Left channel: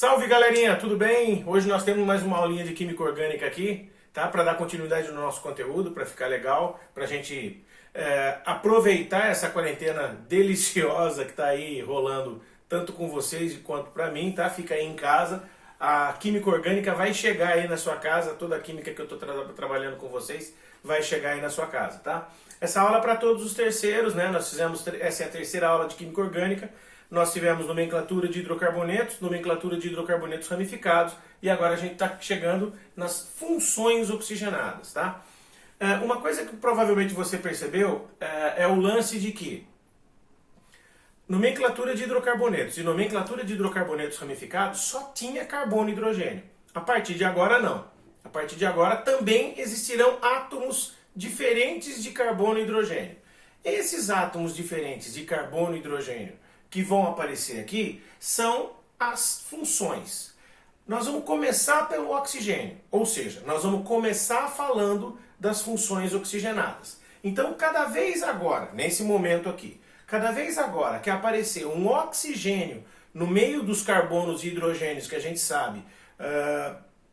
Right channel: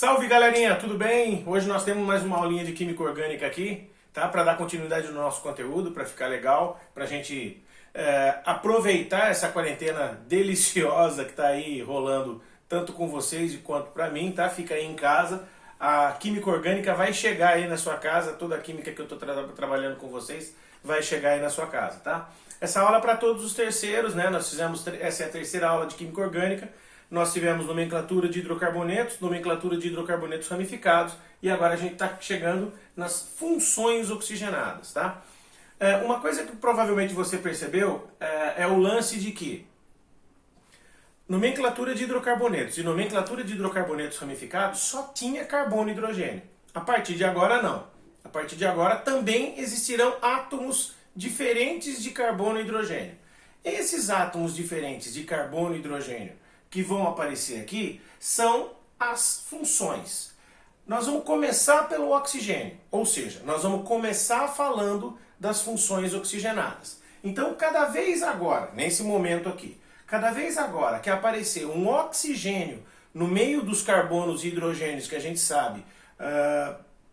Salve galerinha, tudo bem? Hoje nós temos mais uma aulinha de Química Orgânica aqui, tá? Para dar continuidade no nosso conteúdo, para ficar legal, para a gente aproveitar essa quarentena deliciosa que está aí rolando tanto com vocês quanto para mim, tá? Fica aí em casa. A Química Orgânica vai chegar aí na sua casa, toda a química que eu estou trabalhando com vocês vai chegar aí na sua casa, tá? Essa aula é para todos os terceiros, né? Essa é a terceira aula de Química Orgânica. Nós tivemos nomenclatura de hidrocarbonetos ramificados e agora a gente está chegando nas funções oxigenadas, tá? Uma coisa que provavelmente você percebeu é o lance de que nomenclatura de hidrocarbonetos e nomenclatura de hidrocarbonetos ramificados só tinha carbono e hidrogênio. A partir de agora não. A partir de agora também existirão átomos diferentes de carbono e hidrogênio. Esses átomos diferentes de carbono e hidrogênio que vão aparecer aqui são as funções. Nós vamos começar pelo oxigênio, ou seja, nós vamos começar falando das funções oxigenadas. Então, cada vez agora, nesse momento aqui, cada vez agora que aparecer um oxigênio no meio dos carbonos e hidrogênios que a gente sabe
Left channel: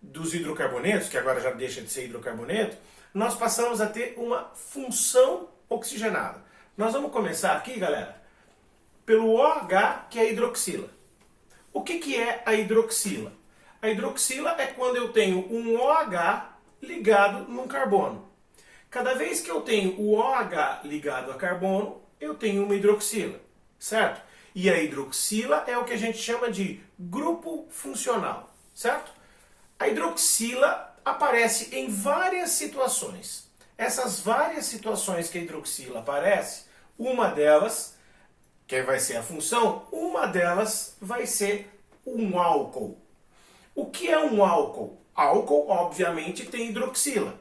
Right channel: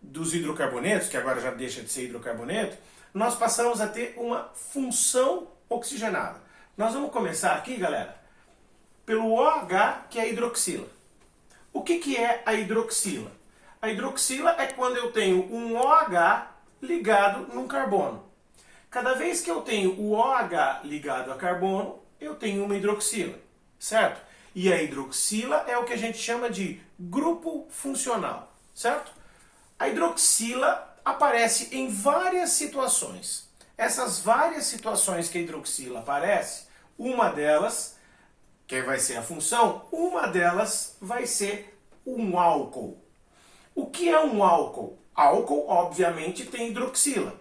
dos hidrocarbonetos, que agora já deixa de ser hidrocarboneto, nós passamos a ter uma função oxigenada. Nós vamos começar aqui, galera, pelo OH, que é a hidroxila. O que é a hidroxila? A hidroxila é quando eu tenho um OH ligado num carbono. Cada vez que eu tenho o OH ligado a carbono, eu tenho uma hidroxila, certo? E a hidroxila é o que a gente chama de grupo funcional, certo? A hidroxila aparece em várias situações. Essas várias situações que a hidroxila aparece, uma delas que vai ser a função, uma delas vai ser um álcool. O que é um álcool? Álcool, obviamente, tem hidroxila.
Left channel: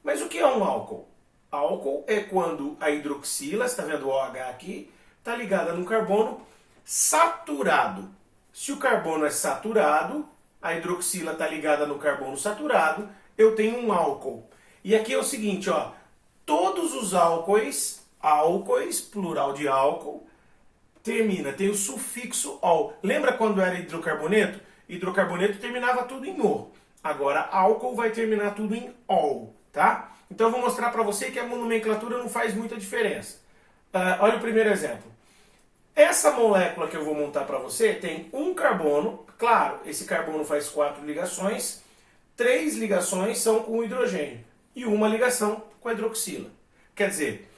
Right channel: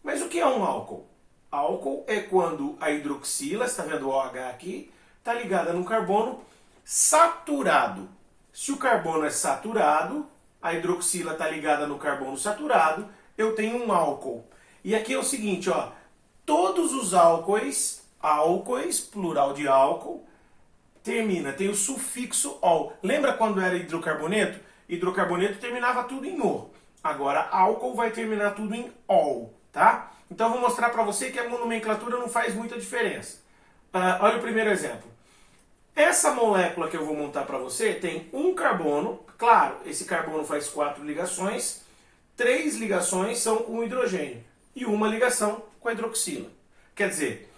Mas o que é um álcool? Álcool é quando a hidroxila, você está vendo o OH aqui, está ligada num carbono saturado. Se o carbono é saturado, a hidroxila está ligada no carbono saturado, eu tenho um álcool. E aqui é o seguinte, ó, todos os álcoois, plural de álcool, tem o sufixo ol. Lembra quando era hidrocarboneto? Hidrocarboneto terminava tudo em o. Agora álcool vai terminar tudo em ol, tá? Então eu vou mostrar para você que a nomenclatura não faz muita diferença. Olha o primeiro exemplo. Essa molécula que eu vou montar para você tem um carbono. Claro, esse carbono faz 4 ligações. 3 ligações são com o hidrogênio e uma ligação com a hidroxila. Quer dizer,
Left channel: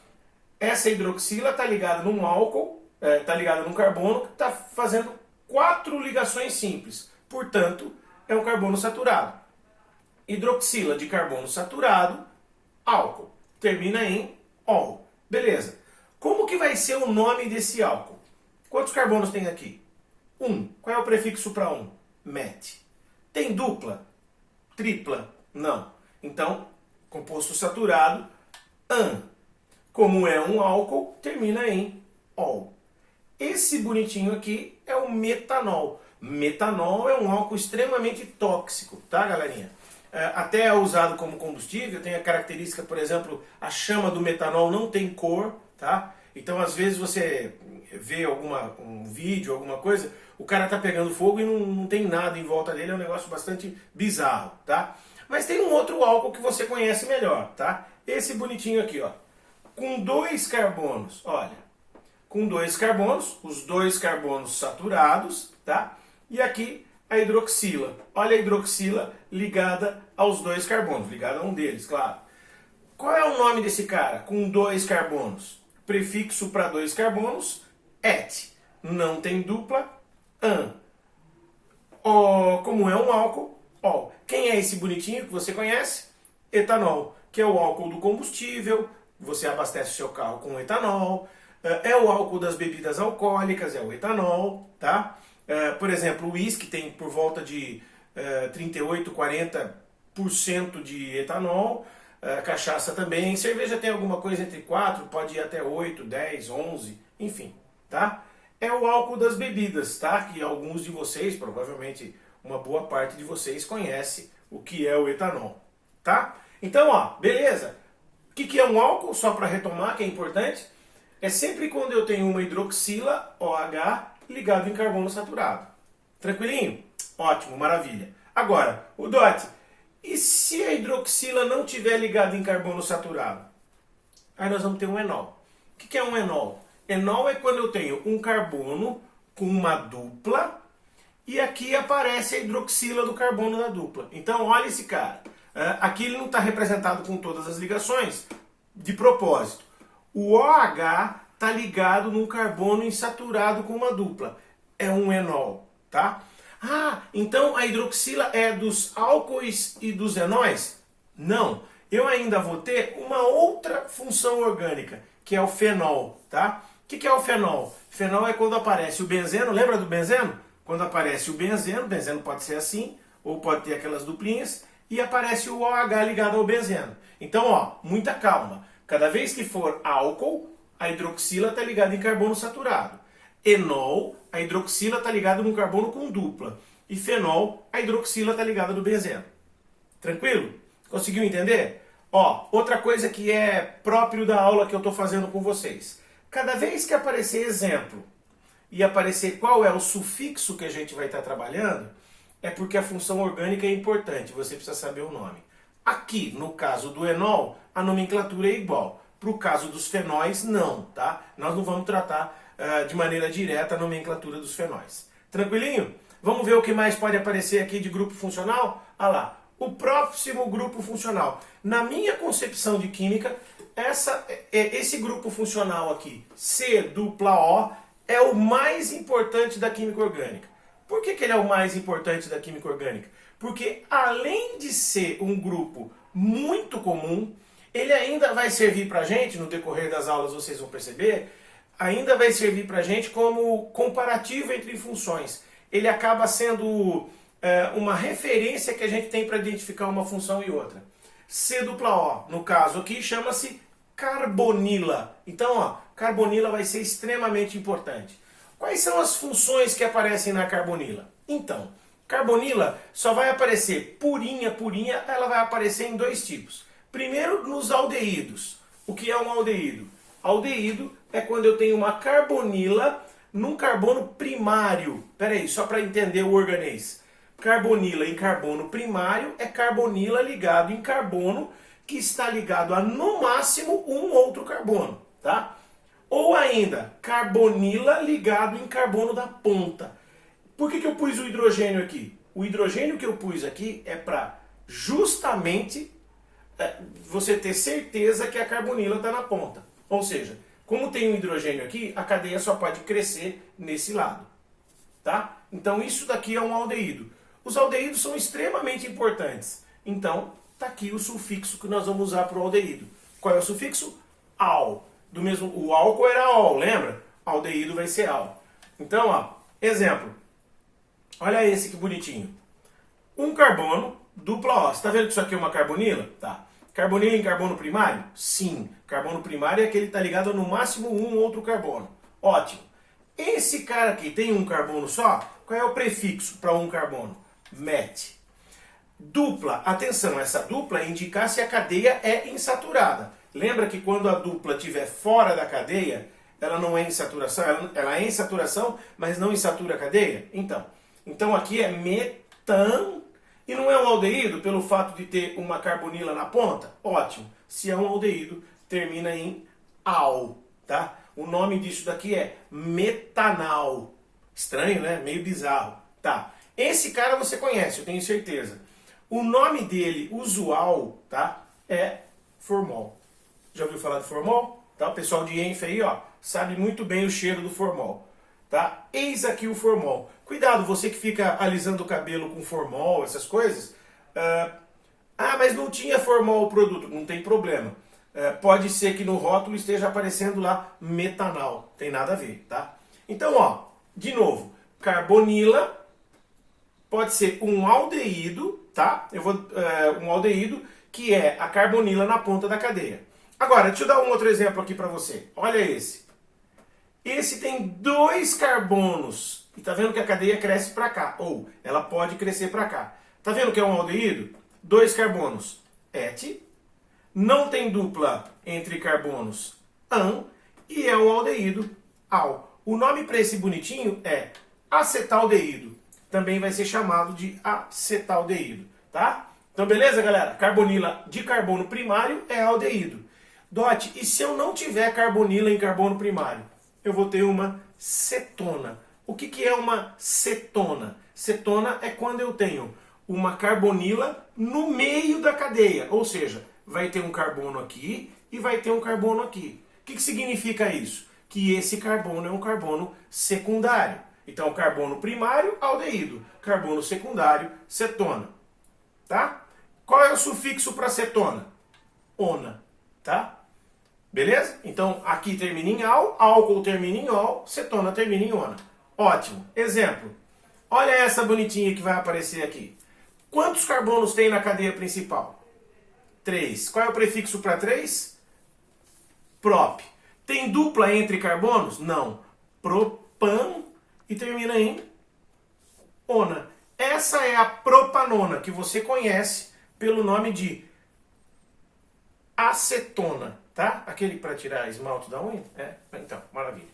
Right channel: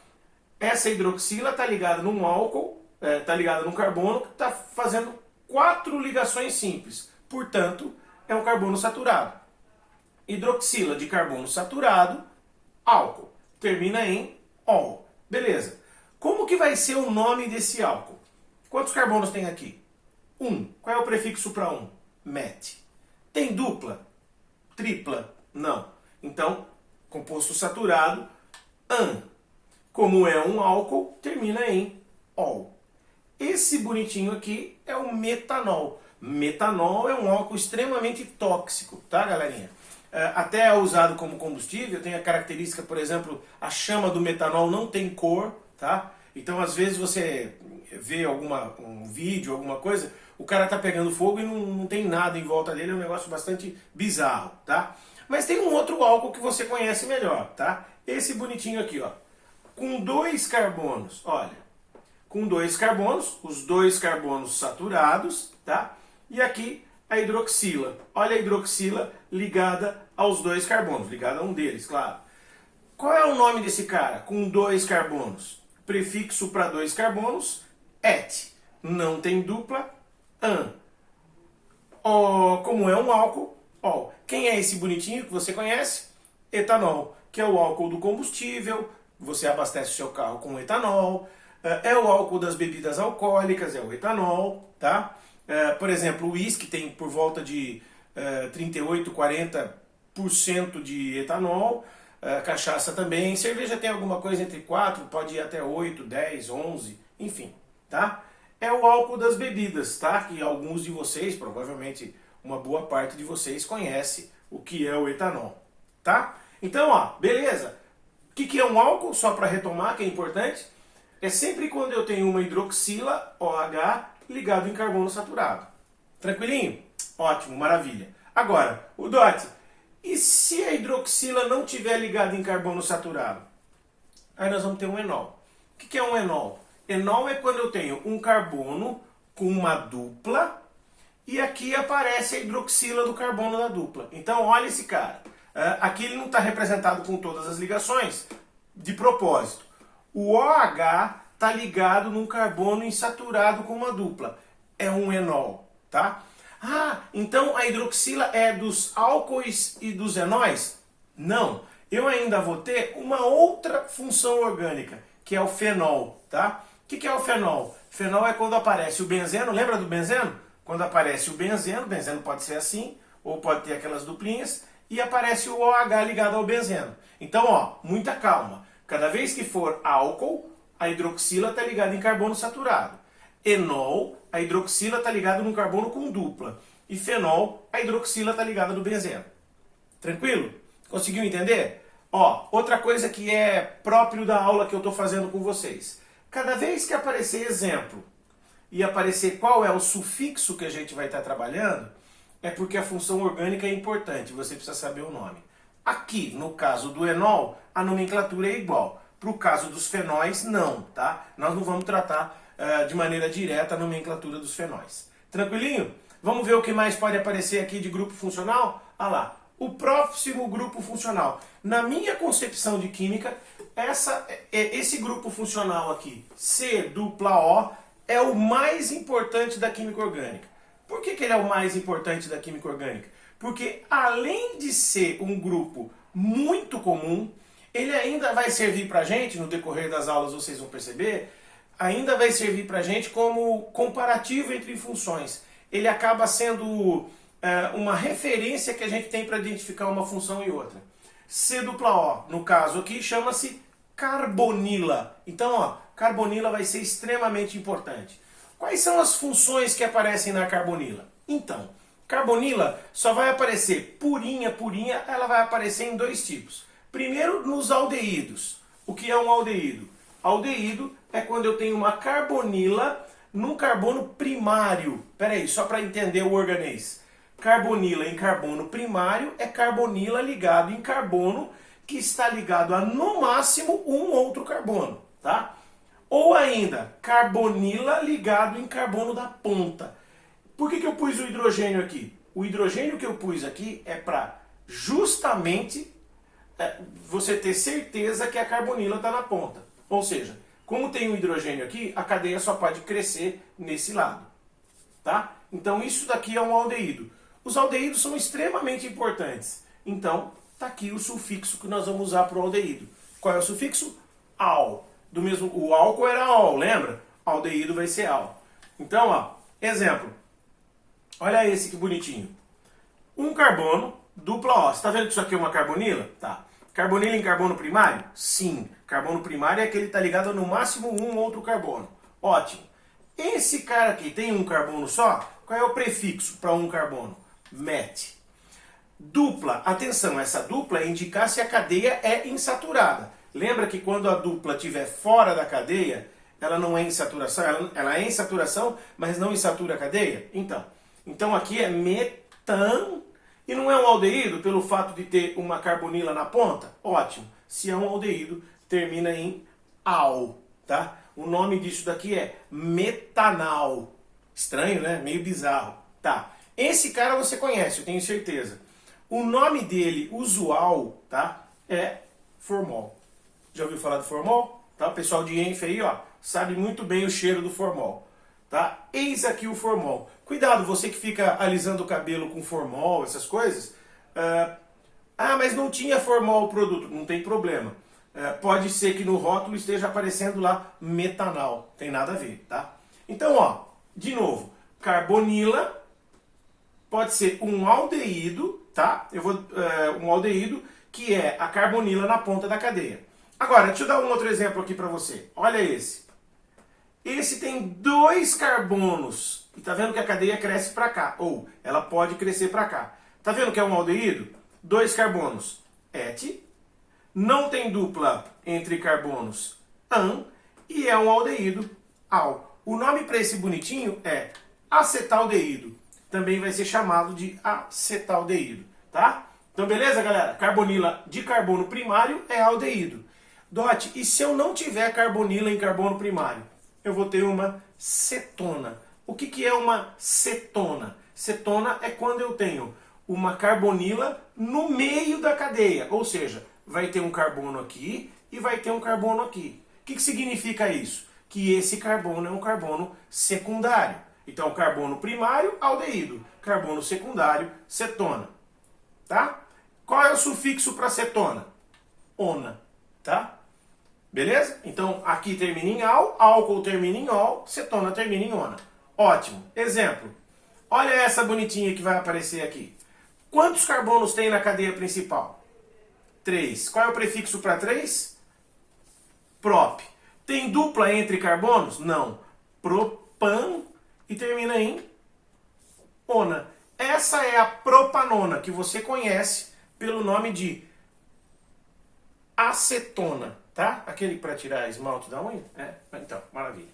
essa hidroxila está ligada num álcool, está ligada num carbono que está fazendo 4 ligações simples. Portanto, é um carbono saturado. Hidroxila de carbono saturado, álcool. Termina em ol. Beleza. Como que vai ser o nome desse álcool? Quantos carbonos tem aqui? 1. Qual é o prefixo para 1? Met. Tem dupla? Tripla? Não. Então, composto saturado, an. Como é um álcool, termina em ol. Esse bonitinho aqui é o metanol. Metanol é um álcool extremamente tóxico, tá, galerinha? Até é usado como combustível, tem a característica, por exemplo, a chama do metanol não tem cor, tá? Então, às vezes você vê um vídeo, alguma coisa, o cara tá pegando fogo e não tem nada em volta dele, é um negócio bastante bizarro, tá? Mas tem um outro álcool que você conhece melhor, tá? Esse bonitinho aqui, ó, com 2 carbonos, olha. Com 2 carbonos, os 2 carbonos saturados, tá? E aqui a hidroxila. Olha a hidroxila ligada aos 2 carbonos, ligada a um deles, claro. Qual é o nome desse cara com 2 carbonos? Prefixo para 2 carbonos, et. Não tem dupla, an. Como é um álcool, ol. Quem é esse bonitinho que você conhece? Etanol, que é o álcool do combustível. Você abastece o seu carro com etanol. É o álcool das bebidas alcoólicas, é o etanol, tá? Por exemplo, o uísque tem por volta de 38, 40% de etanol, cachaça também, cerveja tem alguma coisa entre 4, pode ir até 8, 10, 11, enfim, tá? É o álcool das bebidas, tá? Que alguns de vocês, provavelmente uma boa parte de vocês conhece o que é o etanol, tá? Então, ó, beleza. O que é um álcool? Só para retomar, que é importante. É sempre quando eu tenho uma hidroxila, OH, ligado em carbono saturado. Tranquilinho? Ótimo, maravilha. Agora, o DOT, e se a hidroxila não estiver ligada em carbono saturado? Aí nós vamos ter um enol. O que é um enol? Enol é quando eu tenho um carbono com uma dupla e aqui aparece a hidroxila do carbono da dupla. Então, olha esse cara. Aqui ele não está representado com todas as ligações de propósito. O OH está ligado num carbono insaturado com uma dupla. É um enol, tá? Então a hidroxila é dos álcoois e dos enóis? Não. Eu ainda vou ter uma outra função orgânica, que é o fenol, tá? O que é o fenol? Fenol é quando aparece o benzeno, lembra do benzeno? Quando aparece o benzeno pode ser assim, ou pode ter aquelas duplinhas, e aparece o OH ligado ao benzeno. Então, ó, muita calma. Cada vez que for álcool, a hidroxila está ligada em carbono saturado. Enol, a hidroxila está ligada num carbono com dupla. E fenol, a hidroxila está ligada no benzeno. Tranquilo? Conseguiu entender? Ó, outra coisa que é próprio da aula que eu estou fazendo com vocês. Cada vez que aparecer exemplo e aparecer qual é o sufixo que a gente vai estar trabalhando, é porque a função orgânica é importante, você precisa saber o nome. Aqui, no caso do enol, a nomenclatura é igual. Para o caso dos fenóis, não, tá? Nós não vamos tratar de maneira direta a nomenclatura dos fenóis. Tranquilinho? Vamos ver o que mais pode aparecer aqui de grupo funcional? Ah lá, o próximo grupo funcional. Na minha concepção de química, esse grupo funcional aqui, C-O, é o mais importante da química orgânica. Por que ele é o mais importante da química orgânica? Porque além de ser um grupo muito comum, ele ainda vai servir para a gente, no decorrer das aulas vocês vão perceber, ainda vai servir para a gente como comparativo entre funções. Ele acaba sendo uma referência que a gente tem para identificar uma função e outra. C-O, no caso aqui, chama-se carbonila. Então, ó, carbonila vai ser extremamente importante. Quais são as funções que aparecem na carbonila? Então, carbonila só vai aparecer purinha, ela vai aparecer em dois tipos. Primeiro, nos aldeídos. O que é um aldeído? Aldeído é quando eu tenho uma carbonila num carbono primário. Peraí, só para entender o organês. Carbonila em carbono primário é carbonila ligado em carbono que está ligado a, no máximo, um outro carbono, tá? Ou ainda, carbonila ligado em carbono da ponta. Por que eu pus o hidrogênio aqui? O hidrogênio que eu pus aqui é para justamente você ter certeza que a carbonila está na ponta. Ou seja, como tem um hidrogênio aqui, a cadeia só pode crescer nesse lado. Tá? Então isso daqui é um aldeído. Os aldeídos são extremamente importantes. Então, está aqui o sufixo que nós vamos usar para o aldeído. Qual é o sufixo? Al. O álcool era ol, lembra? Aldeído vai ser al. Então, ó, exemplo. Olha esse que bonitinho. Um carbono, dupla O. Você está vendo que isso aqui é uma carbonila? Tá. Carbonila em carbono primário? Sim. Carbono primário é aquele que está ligado a no máximo um outro carbono. Ótimo. Esse cara aqui tem um carbono só? Qual é o prefixo para um carbono? Met. Dupla. Atenção, essa dupla é indicar se a cadeia é insaturada. Lembra que quando a dupla estiver fora da cadeia, ela não é insaturação, ela é insaturação, mas não insatura a cadeia? Então aqui é metan, e não é um aldeído pelo fato de ter uma carbonila na ponta? Ótimo. Se é um aldeído, termina em al, tá? O nome disso daqui é metanal. Estranho, né? Meio bizarro. Tá. Esse cara você conhece, eu tenho certeza. O nome dele, usual, tá? É formol. Já ouviu falar de formol? Tá? O pessoal de Enf aí, ó, sabe muito bem o cheiro do formol. Tá? Eis aqui o formol. Cuidado, você que fica alisando o cabelo com formol, essas coisas. Mas não tinha formol o produto. Não tem problema. Pode ser que no rótulo esteja aparecendo lá metanal. Tem nada a ver, tá? Então, ó, de novo, carbonila pode ser um aldeído, tá? Um aldeído que é a carbonila na ponta da cadeia. Agora, deixa eu dar um outro exemplo aqui para você. Olha esse. Esse tem dois carbonos. E tá vendo que a cadeia cresce para cá. Ou ela pode crescer para cá. Tá vendo que é um aldeído? Dois carbonos. Et. Não tem dupla entre carbonos. An. E é um aldeído. Al. O nome para esse bonitinho é acetaldeído. também vai ser chamado de acetaldeído, tá? Então, beleza, galera? Carbonila de carbono primário é aldeído. Dot, e se eu não tiver carbonila em carbono primário? Eu vou ter uma cetona. O que é uma cetona? Cetona é quando eu tenho uma carbonila no meio da cadeia, ou seja, vai ter um carbono aqui e vai ter um carbono aqui. O que significa isso? Que esse carbono é um carbono secundário. Então, carbono primário, aldeído. Carbono secundário, cetona. Tá? Qual é o sufixo para cetona? Ona. Tá? Beleza? Então, aqui termina em al, álcool termina em ol, cetona termina em ona. Ótimo. Exemplo. Olha essa bonitinha que vai aparecer aqui. Quantos carbonos tem na cadeia principal? 3. Qual é o prefixo para 3? Prop. Tem dupla entre carbonos? Não. Propan e termina em ona. Essa é a propanona, que você conhece pelo nome de acetona, tá? Aquele para tirar esmalte da unha? É, então, maravilha.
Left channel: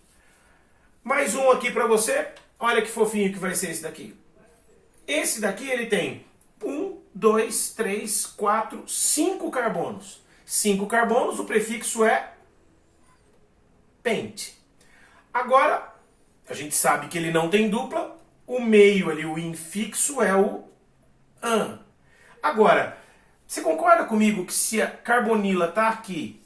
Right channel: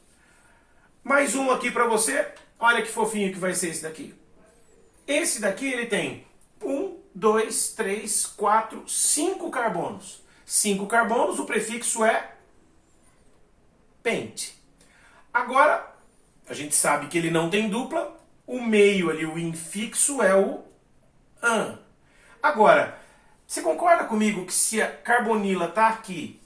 Mais um aqui para você. Olha que fofinho que vai ser esse daqui. Esse daqui ele tem 1, 2, 3, 4, 5 carbonos. 5 carbonos, o prefixo é pente. Agora, a gente sabe que ele não tem dupla, o meio ali, o infixo é o an. Agora, você concorda comigo que se a carbonila está aqui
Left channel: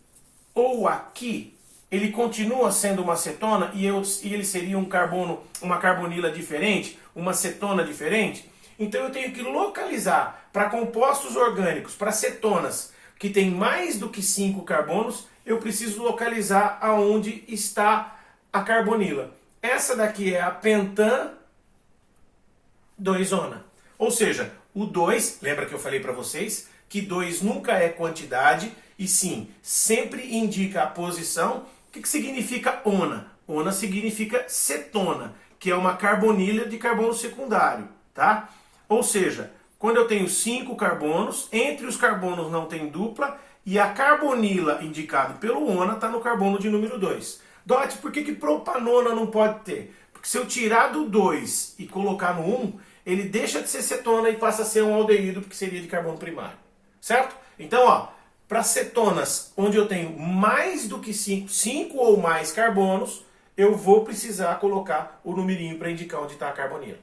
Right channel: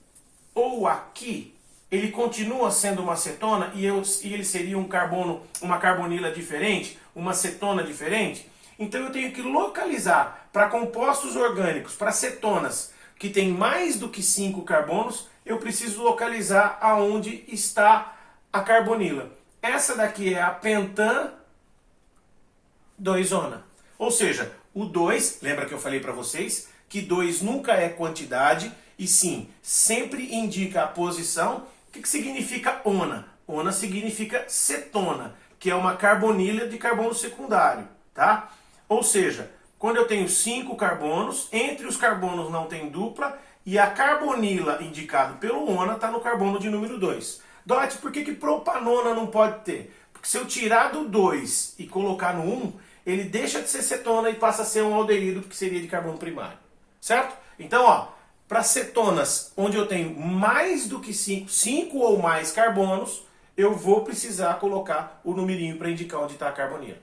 ou aqui, ele continua sendo uma cetona e ele seria um carbono, uma carbonila diferente, uma cetona diferente? Então eu tenho que localizar para compostos orgânicos, para cetonas, que tem mais do que 5 carbonos, eu preciso localizar aonde está a carbonila. Essa daqui é a pentan 2-ona. Ou seja, o 2, lembra que eu falei para vocês que 2 nunca é quantidade, e sim, sempre indica a posição. O que significa ona? Ona significa cetona, que é uma carbonilha de carbono secundário, tá? Ou seja, quando eu tenho 5 carbonos, entre os carbonos não tem dupla, e a carbonila indicado pelo ona está no carbono de número 2. Dot, por que propanona não pode ter? Porque se eu tirar do 2 e colocar no 1, ele deixa de ser cetona e passa a ser um aldeído, porque seria de carbono primário. Certo? Então, ó, para cetonas onde eu tenho mais do que 5 ou mais carbonos, eu vou precisar colocar o numerinho para indicar onde está a carbonila.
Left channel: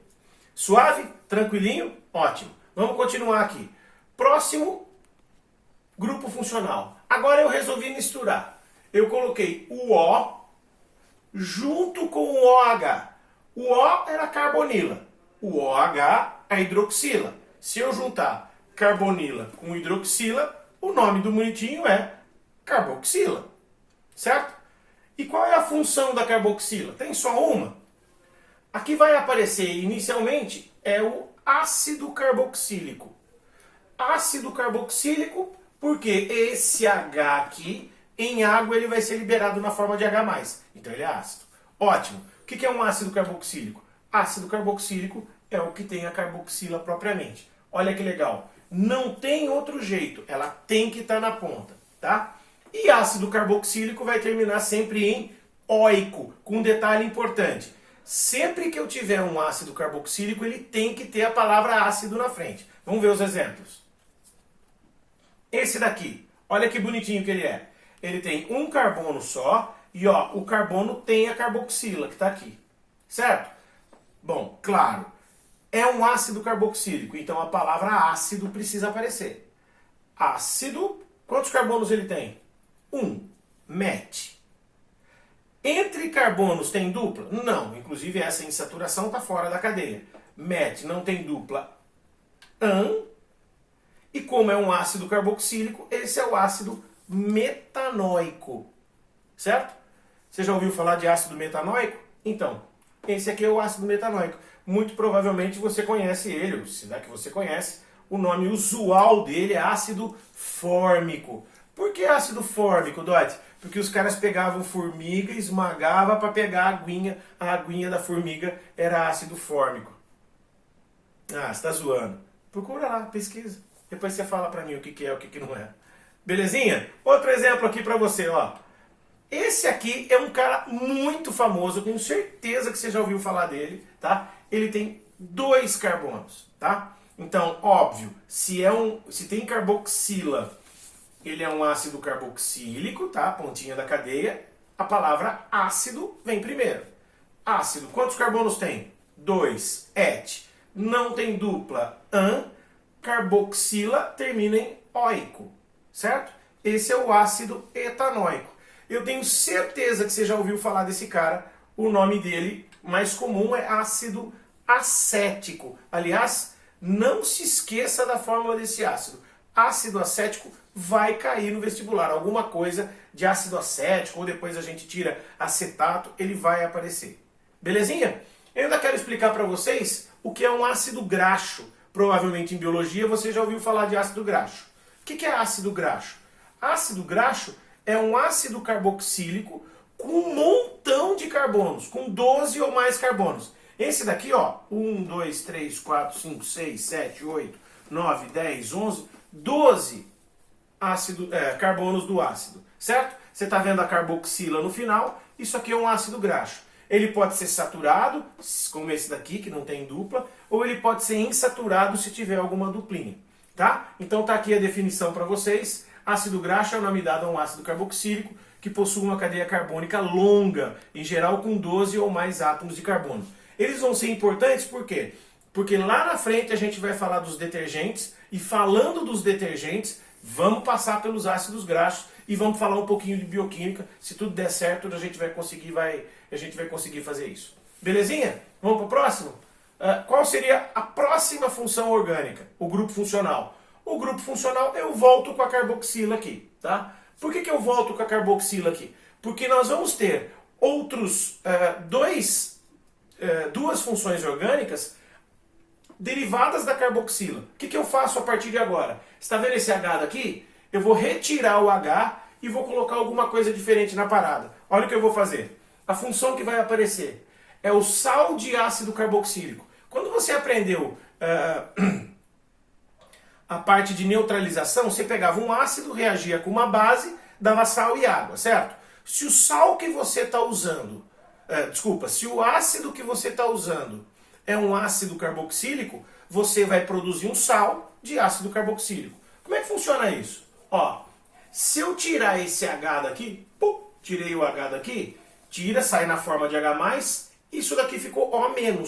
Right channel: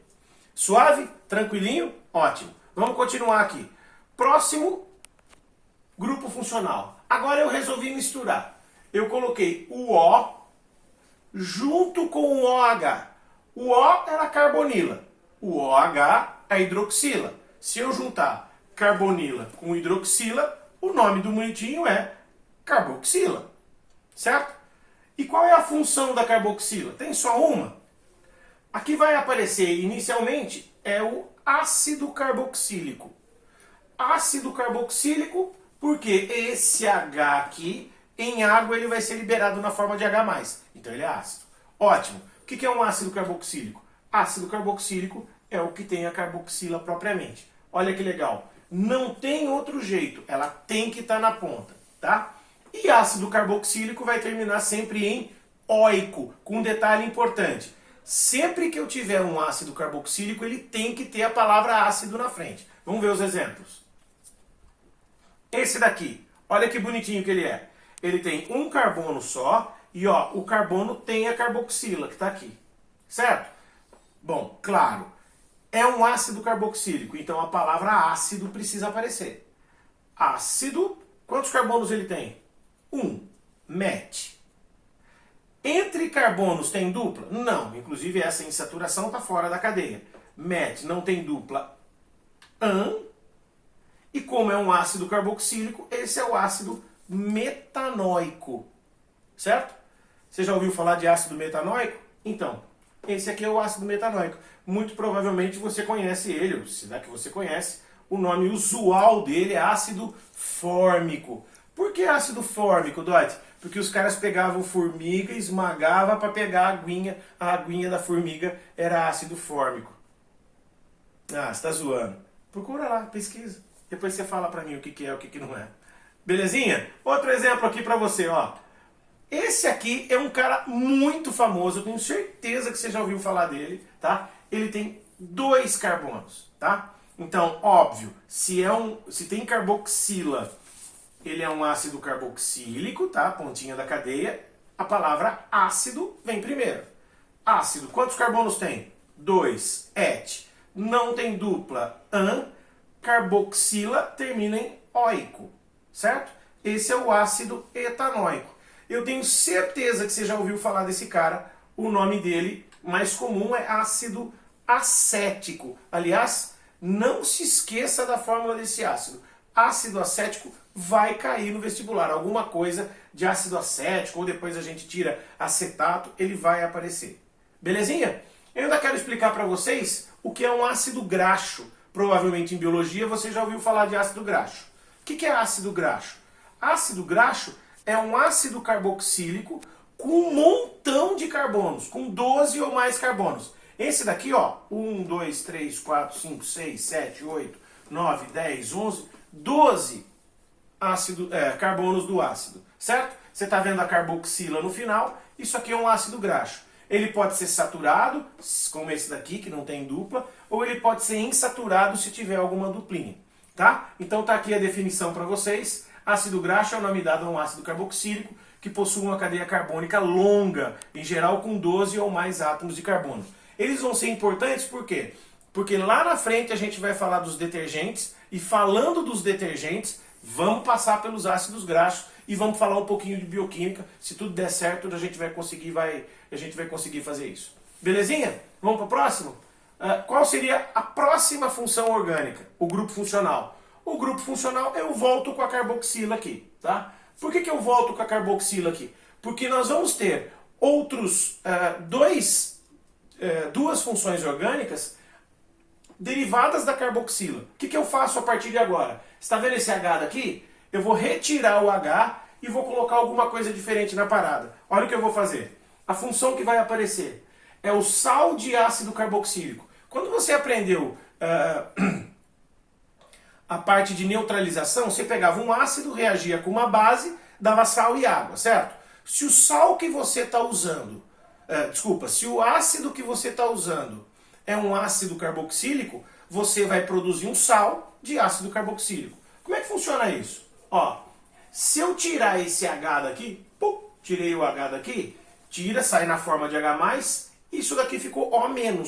Suave? Tranquilinho? Ótimo. Vamos continuar aqui. Próximo grupo funcional. Agora eu resolvi misturar. Eu coloquei o O junto com o OH. O O era a carbonila. O OH é a hidroxila. Se eu juntar carbonila com hidroxila, o nome do bonitinho é carboxila. Certo? E qual é a função da carboxila? Tem só uma? Aqui vai aparecer inicialmente é o ácido carboxílico. Ácido carboxílico porque esse H aqui em água ele vai ser liberado na forma de H+. Então ele é ácido. Ótimo. O que é um ácido carboxílico? Ácido carboxílico é o que tem a carboxila propriamente. Olha que legal. Não tem outro jeito. Ela tem que estar na ponta, tá? E ácido carboxílico vai terminar sempre em óico, com um detalhe importante. Sempre que eu tiver um ácido carboxílico, ele tem que ter a palavra ácido na frente. Vamos ver os exemplos. Esse daqui, olha que bonitinho que ele é. Ele tem um carbono só e ó, o carbono tem a carboxila que está aqui. Certo? Bom, claro, é um ácido carboxílico, então a palavra ácido precisa aparecer. Ácido, quantos carbonos ele tem? 1, met. Entre carbonos tem dupla? Não, inclusive essa insaturação está fora da cadeia. Met não tem dupla an, e como é um ácido carboxílico, esse é o ácido metanóico. Certo? Você já ouviu falar de ácido metanóico? Então, esse aqui é o ácido metanóico. Muito provavelmente você conhece ele, ou será que você conhece, o nome usual dele é ácido fórmico. Por que ácido fórmico, Dot? Porque os caras pegavam formiga, esmagavam para pegar a aguinha da formiga era ácido fórmico. Ah, você está zoando. Procura lá, pesquisa. Depois você fala para mim o que é e o que não é. Belezinha? Outro exemplo aqui para você, ó. Esse aqui é um cara muito famoso, eu tenho certeza que você já ouviu falar dele, tá? Ele tem 2 carbonos, tá? Então, óbvio, se tem carboxila, ele é um ácido carboxílico, tá? Pontinha da cadeia. A palavra ácido vem primeiro. Ácido, quantos carbonos tem? 2, et. Não tem dupla, an. Carboxila termina em oico, certo? Esse é o ácido etanóico. Eu tenho certeza que você já ouviu falar desse cara. O nome dele mais comum é ácido acético. Aliás, não se esqueça da fórmula desse ácido. Ácido acético vai cair no vestibular. Alguma coisa de ácido acético, ou depois a gente tira acetato, ele vai aparecer. Belezinha? Eu ainda quero explicar para vocês o que é um ácido graxo. Provavelmente em biologia você já ouviu falar de ácido graxo. O que é ácido graxo? Ácido graxo é um ácido carboxílico com um montão de carbonos, com 12 ou mais carbonos. Esse daqui, ó, 1, 2, 3, 4, 5, 6, 7, 8, 9, 10, 11, 12 carbonos do ácido, certo? Você está vendo a carboxila no final, isso aqui é um ácido graxo. Ele pode ser saturado, como esse daqui, que não tem dupla, ou ele pode ser insaturado se tiver alguma duplinha, tá? Então tá aqui a definição para vocês. Ácido graxo é o nome dado a um ácido carboxílico que possui uma cadeia carbônica longa, em geral com 12 ou mais átomos de carbono. Eles vão ser importantes por quê? Porque lá na frente a gente vai falar dos detergentes, e falando dos detergentes, vamos passar pelos ácidos graxos e vamos falar um pouquinho de bioquímica. Se tudo der certo, a gente vai conseguir fazer isso. Belezinha? Vamos para o próximo? Qual seria a próxima função orgânica? O grupo funcional. O grupo funcional eu volto com a carboxila aqui, tá? Por que eu volto com a carboxila aqui? Porque nós vamos ter duas funções orgânicas derivadas da carboxila. O que eu faço a partir de agora? Está vendo esse H daqui? Eu vou retirar o H e vou colocar alguma coisa diferente na parada. Olha o que eu vou fazer. A função que vai aparecer é o sal de ácido carboxílico. Quando você aprendeu a parte de neutralização, você pegava um ácido, reagia com uma base, dava sal e água, certo? Se o sal que você está usando, se o ácido que você está usando é um ácido carboxílico, você vai produzir um sal de ácido carboxílico. Como é que funciona isso? Ó, se eu tirar esse H daqui, tirei o H daqui, sai na forma de H+, isso daqui ficou O-,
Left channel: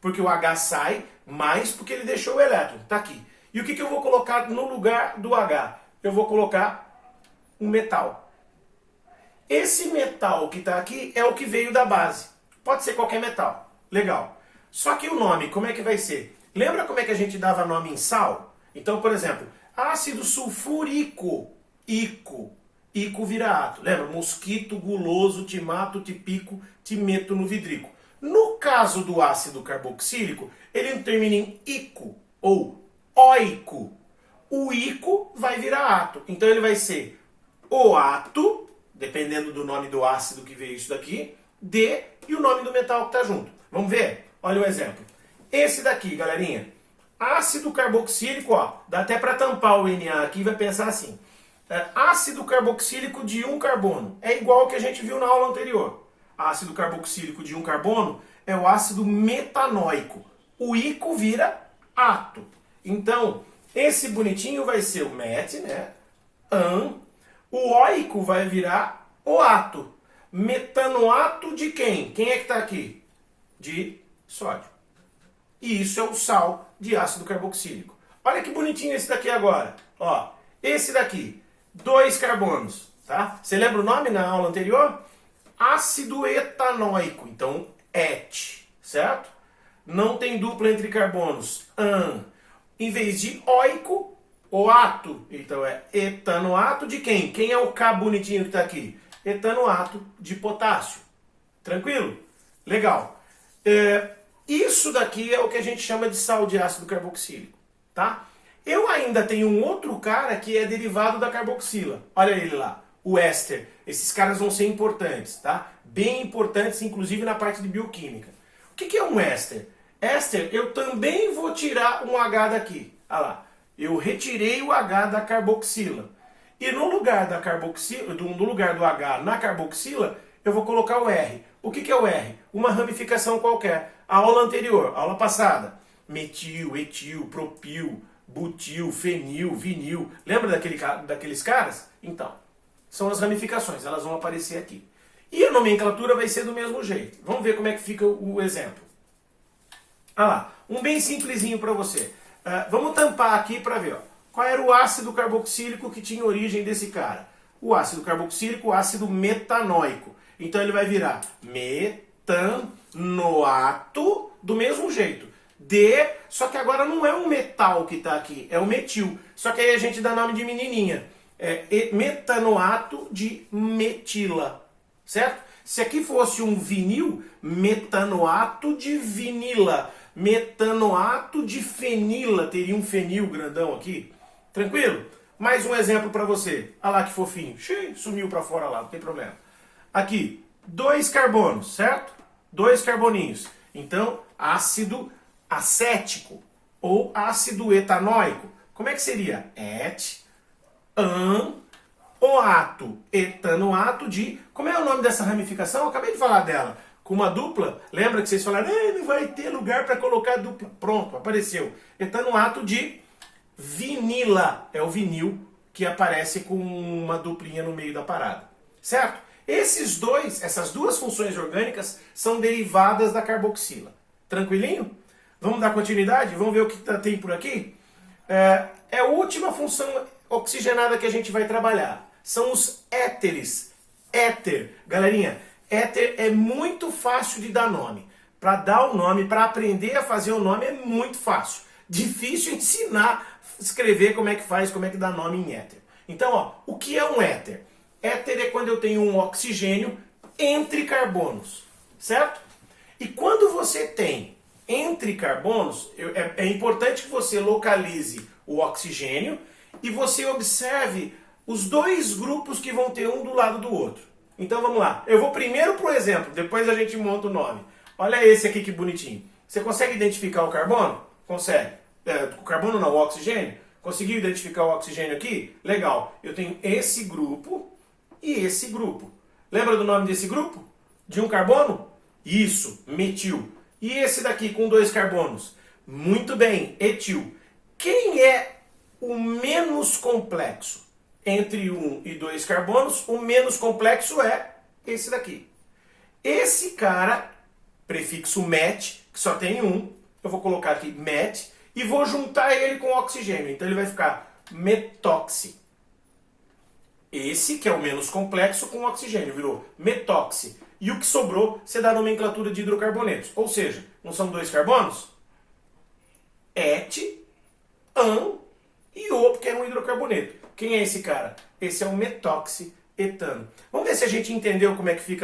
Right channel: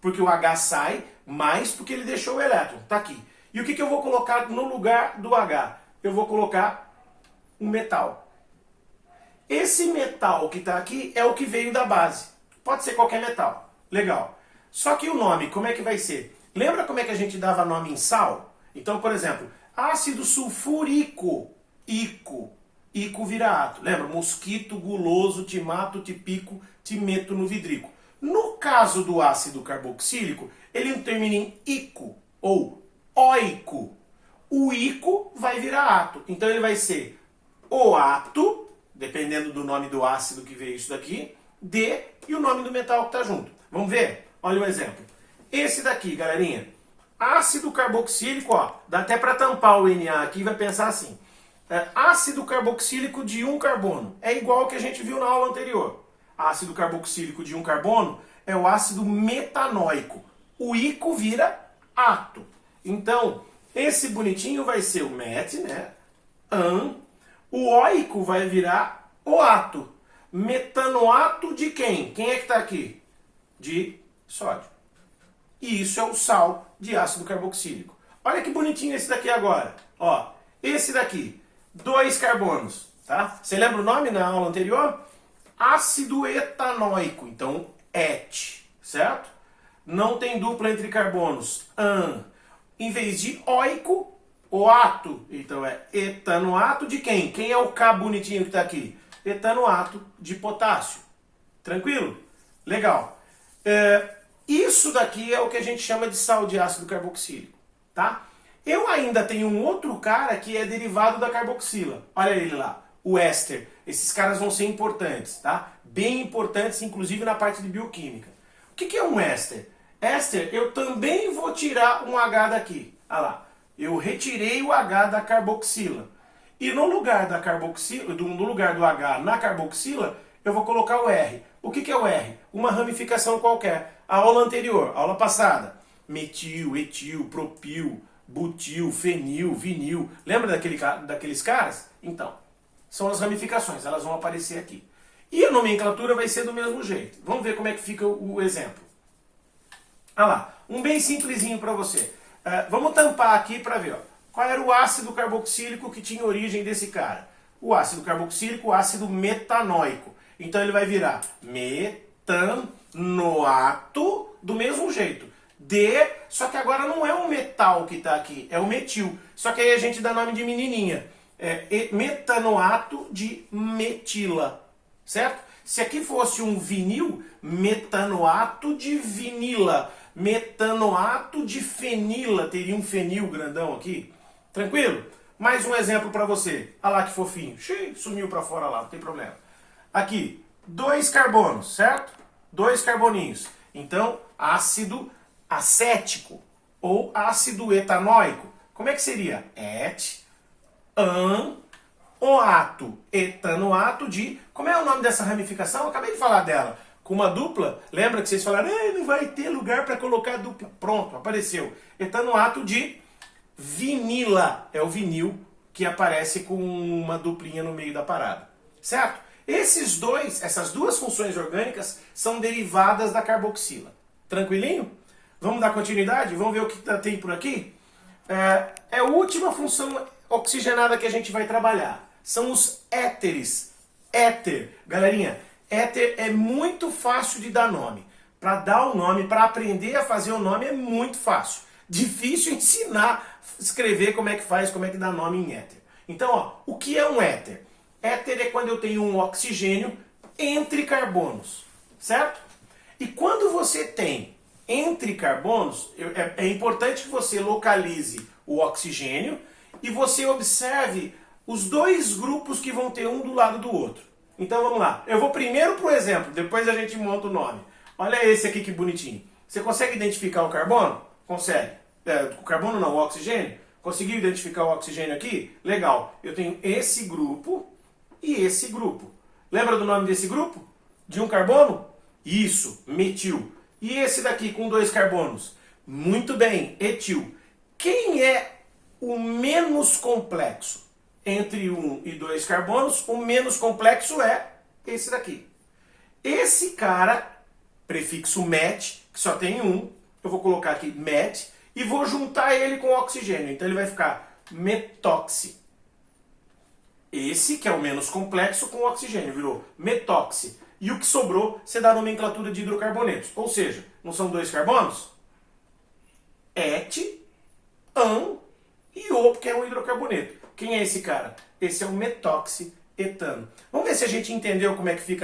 porque o H sai mais porque ele deixou o elétron, tá aqui. E o que eu vou colocar no lugar do H? Eu vou colocar um metal. Esse metal que está aqui é o que veio da base. Pode ser qualquer metal. Legal. Só que o nome, como é que vai ser? Lembra como é que a gente dava nome em sal? Então, por exemplo, ácido sulfúrico, ico. Ico vira ato. Lembra? Mosquito, guloso, timato, tipico, timeto no vidrico. No caso do ácido carboxílico, ele não termina em ico ou oico. O ico vai virar ato. Então ele vai ser o ato, dependendo do nome do ácido que veio isso daqui, D e o nome do metal que está junto. Vamos ver? Olha um exemplo. Esse daqui, galerinha. Ácido carboxílico, ó, dá até para tampar o Na aqui e vai pensar assim. Ácido carboxílico de 1 carbono. É igual ao que a gente viu na aula anterior. Ácido carboxílico de 1 carbono é o ácido metanóico. O ico vira ato. Então, esse bonitinho vai ser o met, né? An. O oico vai virar o ato. Metanoato de quem? Quem é que está aqui? De sódio. E isso é o sal de ácido carboxílico. Olha que bonitinho esse daqui agora. Ó, esse daqui, 2 carbonos, tá? Você lembra o nome na aula anterior? Ácido etanóico, então et, certo? Não tem dupla entre carbonos, an. Em vez de oico, o ato. Então é etanoato de quem? Quem é o K bonitinho que está aqui? Etanoato de potássio. Tranquilo? Legal. Isso daqui é o que a gente chama de sal de ácido carboxílico, tá? Eu ainda tenho um outro cara que é derivado da carboxila. Olha ele lá, o éster. Esses caras vão ser importantes, tá? Bem importantes, inclusive na parte de bioquímica. O que é um éster? Éster, eu também vou tirar um H daqui. Olha lá, eu retirei o H da carboxila. E no lugar da carboxila, no lugar do H na carboxila, eu vou colocar o R. O que é o R? Uma ramificação qualquer. A aula anterior, aula passada, metil, etil, propil, butil, fenil, vinil. Lembra daqueles caras? Então, são as ramificações, elas vão aparecer aqui. E a nomenclatura vai ser do mesmo jeito. Vamos ver como é que fica o exemplo. Olha lá, um bem simplesinho para você. Vamos tampar aqui para ver. Ó. Qual era o ácido carboxílico que tinha origem desse cara? O ácido carboxílico, o ácido metanóico. Então ele vai virar metanoato do mesmo jeito. Só que agora não é um metal que está aqui, é o metil. Só que aí a gente dá nome de menininha. Metanoato de metila. Certo? Se aqui fosse um vinil, metanoato de vinila. Metanoato de fenila. Teria um fenil grandão aqui. Tranquilo? Mais um exemplo para você. Olha lá que fofinho. Sumiu para fora lá, não tem problema. Aqui, 2 carbonos, certo? 2 carboninhos. Então, ácido acético ou ácido etanóico. Como é que seria? Oato, etanoato de... Como é o nome dessa ramificação? Eu acabei de falar dela. Com uma dupla, lembra que vocês falaram, não vai ter lugar para colocar dupla. Pronto, apareceu. Etanoato de vinila. É o vinil que aparece com uma duplinha no meio da parada. Certo? Essas duas funções orgânicas são derivadas da carboxila. Tranquilinho? Vamos dar continuidade? Vamos ver o que tem por aqui? É a última função oxigenada que a gente vai trabalhar. São os éteres. Éter. Galerinha, éter é muito fácil de dar nome. Para dar o nome, para aprender a fazer o nome é muito fácil. Difícil ensinar, escrever como é que faz, como é que dá nome em éter. Então, ó, o que é um éter? Éter é quando eu tenho um oxigênio entre carbonos, certo? E quando você tem entre carbonos, é importante que você localize o oxigênio e você observe os 2 grupos que vão ter um do lado do outro. Então vamos lá. Eu vou primeiro pro exemplo, depois a gente monta o nome. Olha esse aqui que bonitinho. Você consegue identificar o carbono? Consegue. O carbono não, o oxigênio? Conseguiu identificar o oxigênio aqui? Legal. Eu tenho esse grupo e esse grupo. Lembra do nome desse grupo? De um carbono? Isso, metil. E esse daqui com 2 carbonos? Muito bem, etil. Quem é o menos complexo? Entre 1 e 2 carbonos, o menos complexo é esse daqui. Esse cara, prefixo met, que só tem um, eu vou colocar aqui met, e vou juntar ele com oxigênio. Então ele vai ficar metoxi. Esse, que é o menos complexo, com oxigênio, virou metoxi. E o que sobrou, você dá a nomenclatura de hidrocarbonetos. Ou seja, não são 2 carbonos? Et, an e o, que é um hidrocarboneto. Quem é esse cara? Esse é o metoxi etano. Vamos ver se a gente entendeu como é que fica